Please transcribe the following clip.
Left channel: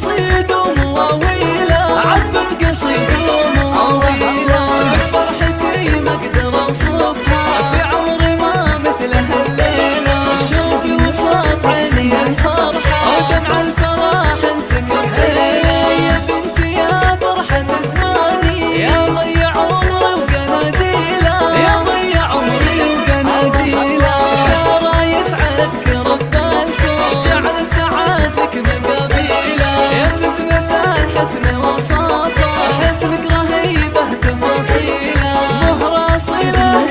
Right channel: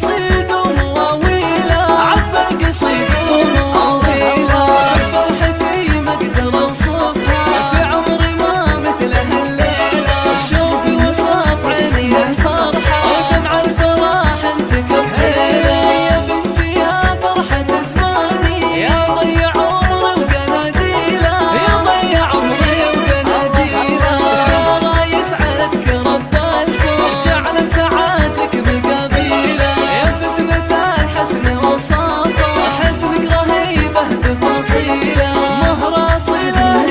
قصيد ومواويله، عذب القصيد ومواويله، بفرحتي ما اقدر اوصفها، في عمري ما مثلها الليله، شوفي وسط عيني الفرحه، ودمع الفرح انسكب سيله، يا بنتي يا فرحه زماني، يا ضيع عمري وقناديله، يا ضيع عمري وقناديله، ساره يسعدك رب الكون، جعل السعاد لك مقابيله، يا فتنة الحسن وصافه، حسنك رهيبه تفاصيله، مهر اصيله